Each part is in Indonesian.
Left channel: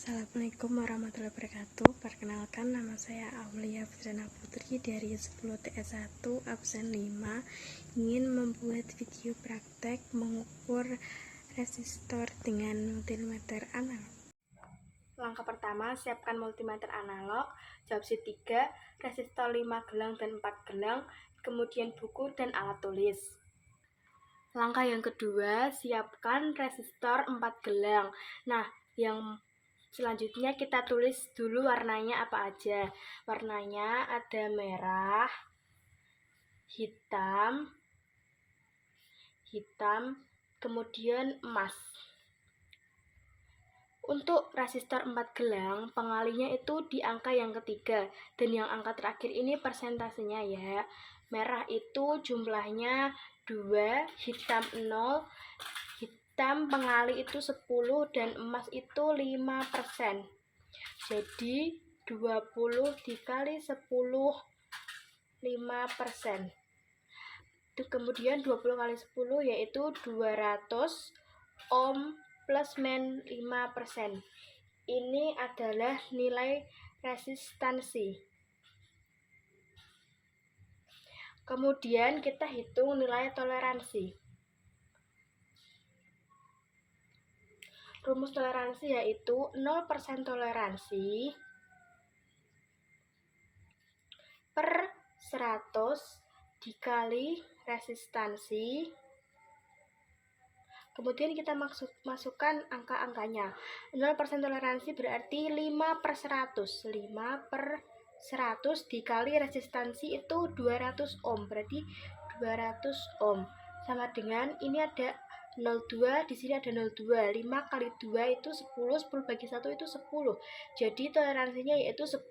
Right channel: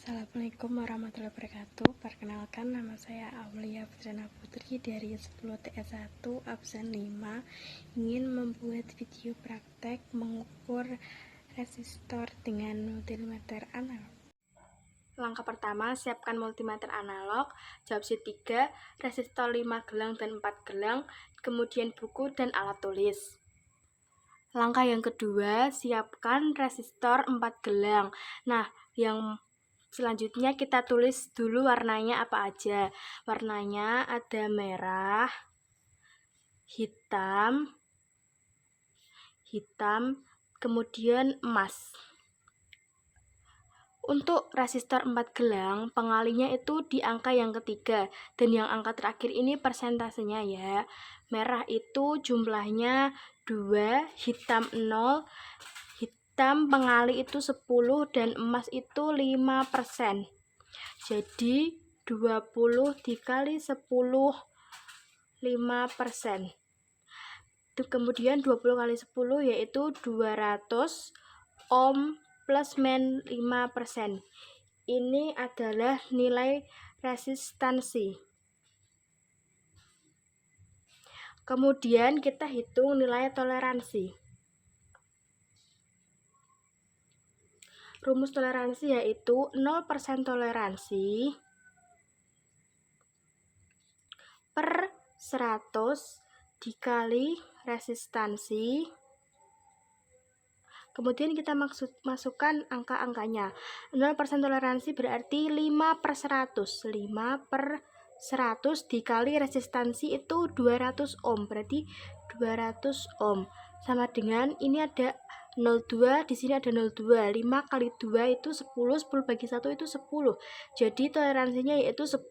Assalamualaikum warahmatullahi wabarakatuh. Perkenalkan, nama saya Aulia Putrana Putri dari 10 TS1 absen 5. Ingin membuat video praktek mengukur resistor dengan multimeter analog. Langkah pertama, siapkan multimeter analog. Jawab sheet 3, resistor 5 gelang dan 4 gelang, kemudian buku dan alat tulis. Langkah yang kedua, siapkan resistor 4 gelang. Nah, yang selanjutnya kita tulis dulu warnanya apa aja. Warnanya ada merah, hitam, kemudian emas. Untuk resistor 4 gelang, pengalinya itu di angka yang ketiga, dan yang angka terakhir ini persentasenya ya. Merah itu jumlahnya 2, hitam 0, hitam pengali itu 10, dan emas itu 5%. Jadi 20 dikali 10, 5%. Kemudian 20 kali 10 yaitu 200 ohm plus min 5%. Ini adalah nilai resistansi. Kemudian kita hitung nilai toleransi. Rumus toleransi yaitu 0% toleransi per 100 dikali resistansi. Kemudian kita masukkan angka-angkanya. 0% toleransi berarti 5/100. 5/100 dikali resistansi itu 200 ohm. Berarti 200 ohm. Sama dengan ini ada 0,2, di sini ada 0,2. 5 kali 2 itu 10, 10 bagi 1 itu 10. Jadi toleransinya yaitu 10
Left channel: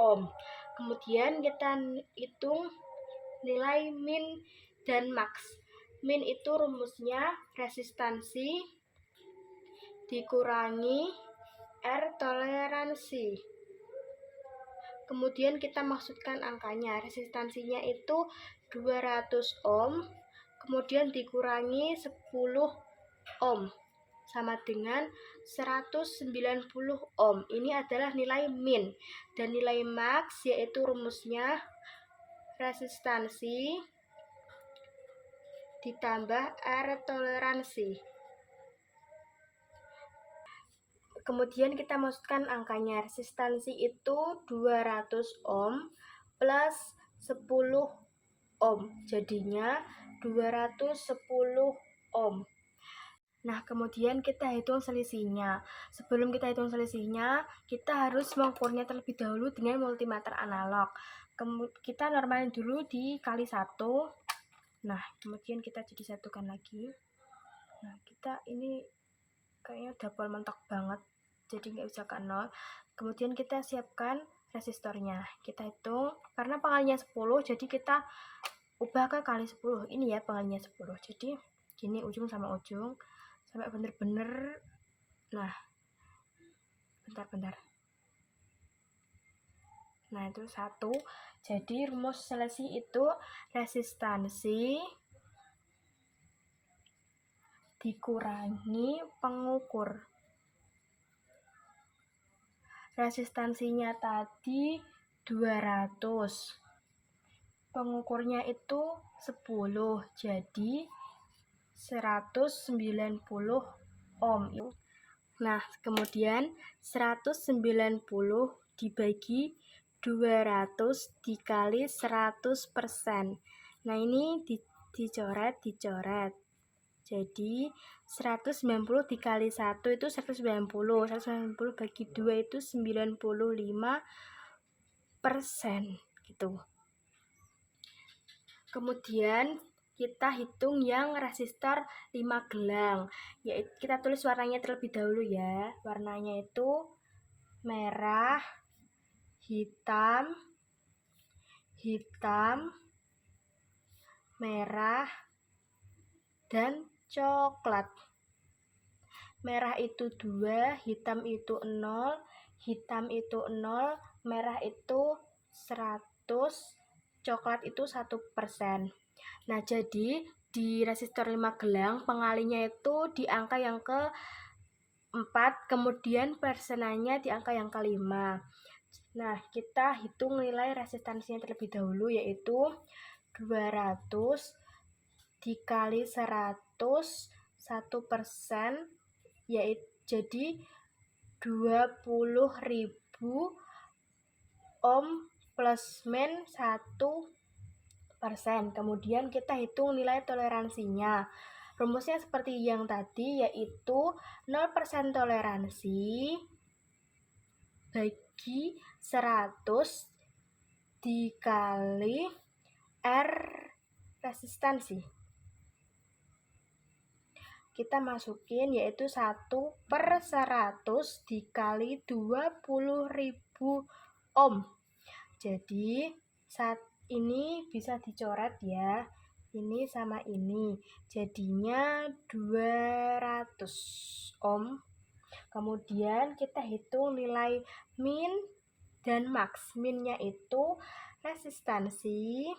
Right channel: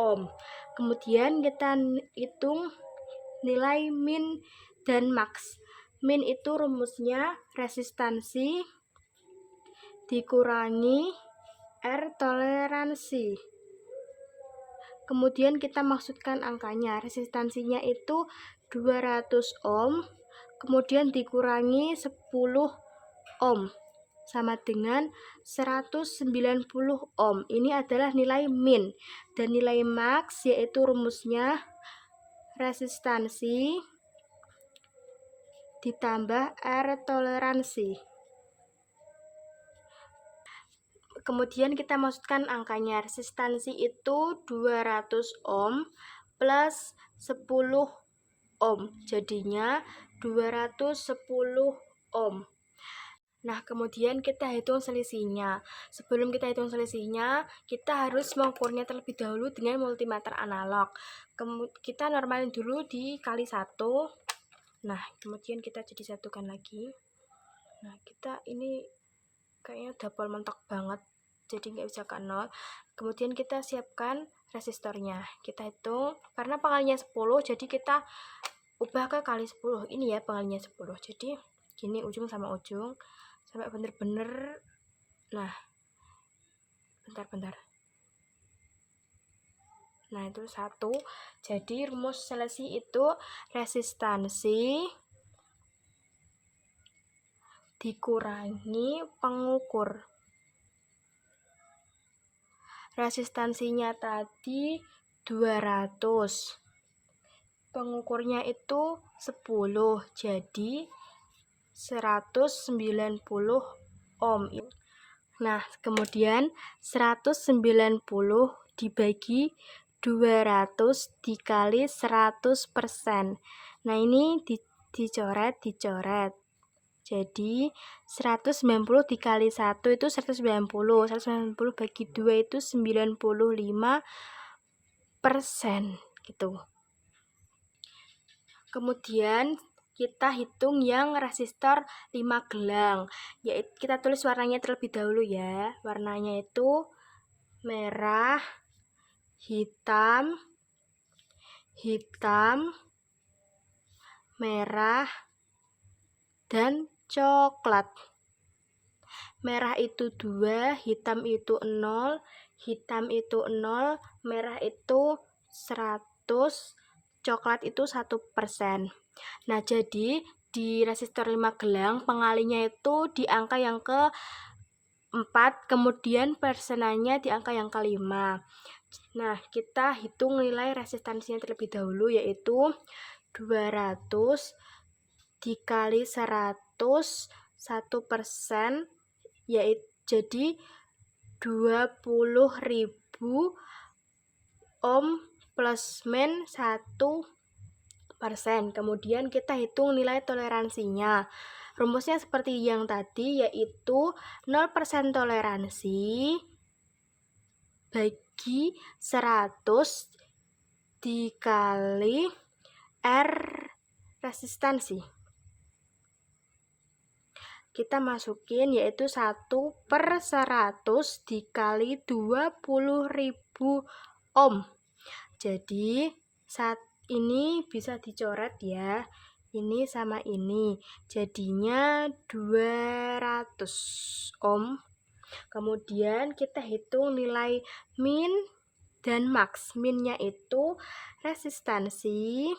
ohm. Kemudian kita hitung nilai min dan max. Min itu rumusnya resistansi dikurangi R toleransi. Kemudian kita maksudkan angkanya. Resistansinya itu 200 ohm, kemudian dikurangi 10 ohm sama dengan 190 ohm. Ini adalah nilai min. Dan nilai max yaitu rumusnya resistansi ditambah R toleransi. Kemudian kita masukkan angkanya. Resistansi itu 200 ohm plus 10 ohm. Jadinya 210 ohm. Nah, kemudian kita hitung selisihnya. Sebelum kita hitung selisihnya, kita harus mengukurnya terlebih dahulu dengan multimeter analog. Kita normalin dulu dikali 1. Nah, kemudian kita jadi satukan lagi. Nah, kita ini kayaknya double mentok banget, jadi nggak bisa ke 0. Kemudian kita siapkan resistornya. Kita hitung, karena pengalinya 10, jadi kita ubah ke kali 10. Ini ya pengalinya 10. Jadi gini ujung sama ujung, sampai bener-bener. Nah, bentar. Nah, itu 1. Jadi rumus selisih itu resistansi dikurangi pengukur. Resistansinya tadi 200. Pengukurnya itu 10. Jadi 190 ohm. Nah, kemudian 190 dibagi 200 dikali 100%. Nah, ini dicoret. Jadi 190 dikali 1 itu 190. 190 bagi 2 itu 95% gitu. Kemudian kita hitung yang resistor 5 gelang. Yaitu kita tulis warnanya terlebih dahulu ya. Warnanya itu merah, hitam, merah, dan coklat. Merah itu 2, hitam itu 0, merah itu 100, coklat itu 1%. Nah, jadi di resistor 5 gelang pengalinya itu di angka yang 4, kemudian persenannya di angka yang kelima. Nah, kita hitung nilai resistansinya terlebih dahulu, yaitu 200 dikali 100, 1%, yaitu jadi 20.000 ohm plus min 1%. Kemudian kita hitung nilai toleransinya. Rumusnya seperti yang tadi, yaitu 0% toleransi bagi 100 dikali R resistansi. Kita masukin yaitu 1/100 dikali 20.000 ohm. Jadi saat ini bisa dicoret ya, ini sama ini, jadinya 200 ohm. Kemudian kita hitung nilai min dan max. Minnya itu resistansi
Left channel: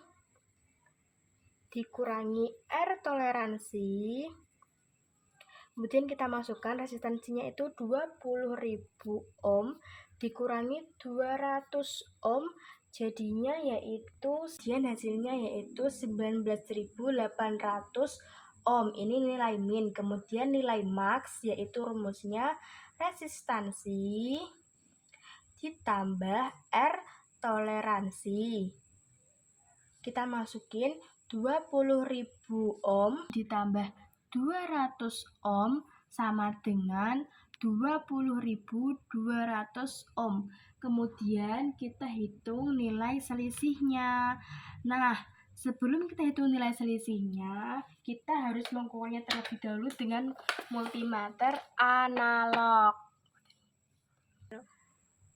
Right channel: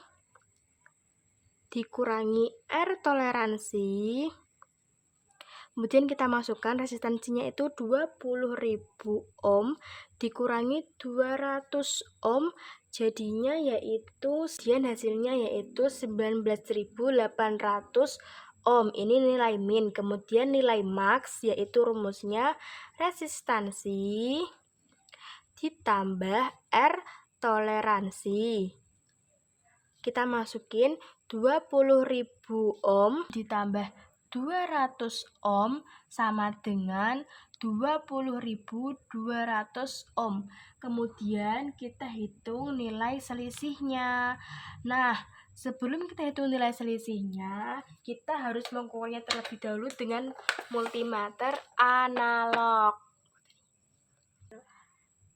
dikurangi R toleransi. Kemudian kita masukkan resistansinya itu 20.000 ohm dikurangi 200 ohm, jadinya yaitu hasilnya yaitu 19.800 ohm. Ini nilai min. Kemudian nilai max yaitu rumusnya resistansi ditambah R toleransi. Kita masukin 20.000 ohm ditambah 200 ohm sama dengan 20.200 ohm. Kemudian kita hitung nilai selisihnya. Nah, sebelum kita hitung nilai selisihnya, kita harus mengukurnya terlebih dahulu dengan multimeter analog.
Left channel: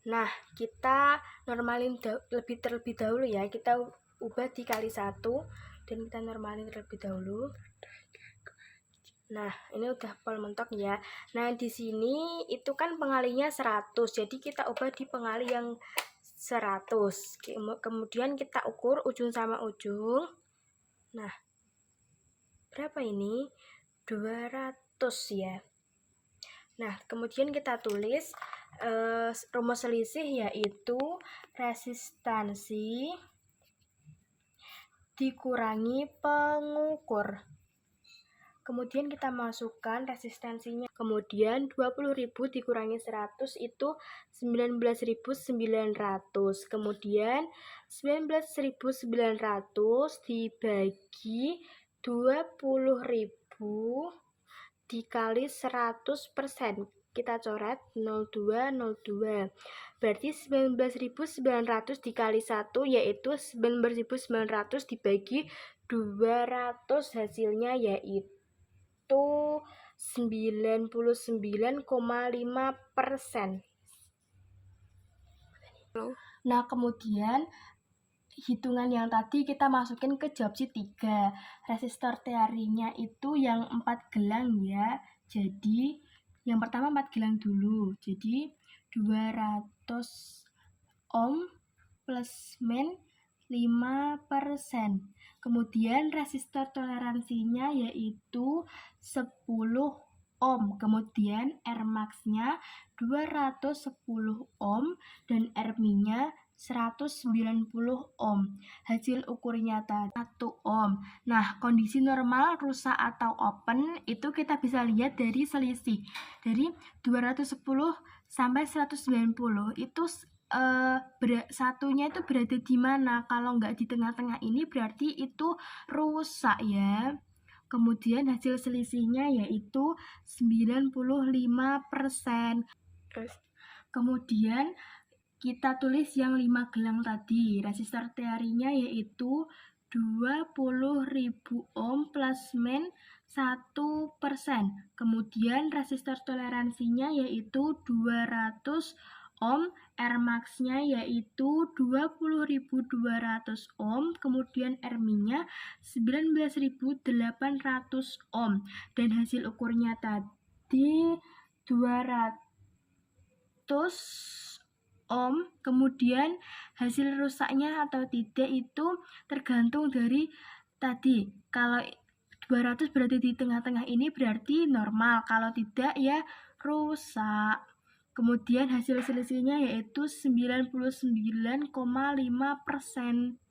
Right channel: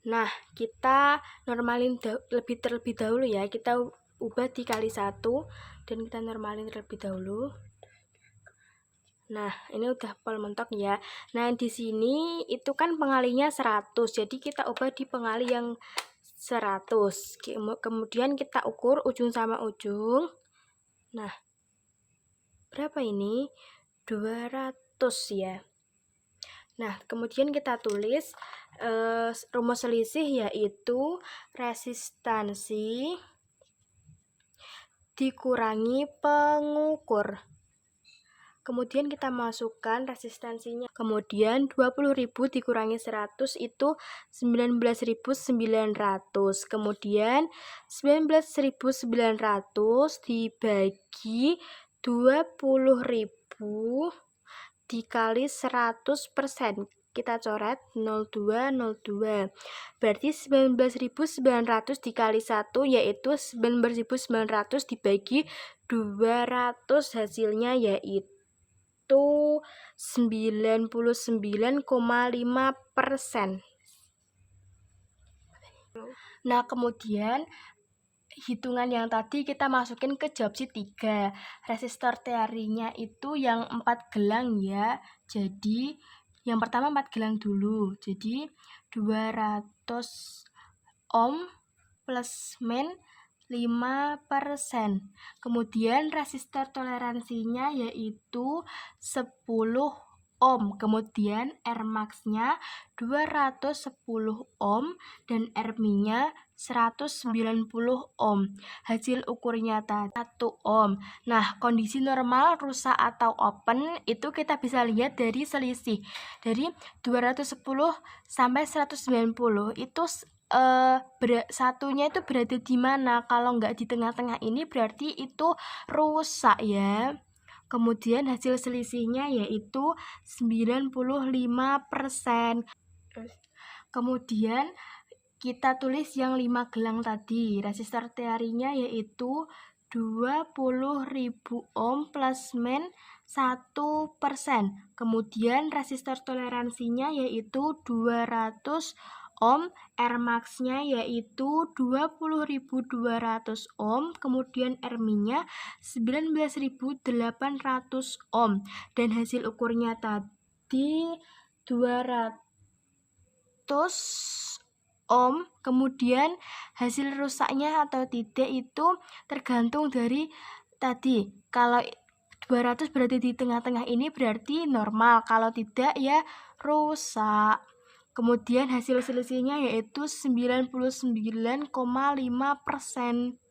Nah, kita normalin terlebih dahulu ya. Kita ubah dikali 1 dan kita normalin terlebih dahulu. Nah, ini udah pol mentok ya. Nah, di sini itu kan pengalinya 100. Jadi kita ubah di pengali yang 100. Kemudian kita ukur ujung sama ujung. Nah, berapa ini? 200 ya. Nah, kemudian kita tulis rumus selisih yaitu resistansi dikurangi pengukur. Kemudian kita masukkan resistansinya. Kemudian 20.000 dikurangi 100 itu 19.900. Kemudian 19.900 dibagi 20.000 dikali 100%. Kita coret 02, 02. Berarti 19.900 dikali 1 yaitu 19.900 dibagi 200, hasilnya yaitu 99,5%. Nah, kemudian hitungan yang tadi kita masukin ke jawab sheet 3. Resistor teorinya itu yang 4 gelang ya. Jadi yang pertama 4 gelang dulu. Jadi 200 ohm plus min 5%. Kemudian resistor toleransinya yaitu 10 ohm. Kemudian R max-nya 210 ohm dan R min-nya 190 ohm. Hasil ukurnya tadi 1 ohm. Nah, kondisi normal, rusak atau open itu kita bisa lihat dari selisih. Dari 210 sampai 190 itu satunya itu berada di mana? Kalau nggak di tengah-tengah ini berarti itu rusak ya. Kemudian hasil selisihnya yaitu 95%. Kemudian kita tulis yang 5 gelang tadi. Resistor teorinya yaitu 20.000 ohm plus min 1%. Kemudian resistor toleransinya yaitu 200 ohm, R max-nya yaitu 20.200 ohm, kemudian R min-nya 19.800 ohm, dan hasil ukurnya tadi 200 ohm. Kemudian hasil rusaknya atau tidak itu tergantung dari tadi. Kalau 200 berada di tengah-tengah ini berarti normal, kalau tidak ya rusak. Kemudian hasil selisihnya yaitu 99,5%.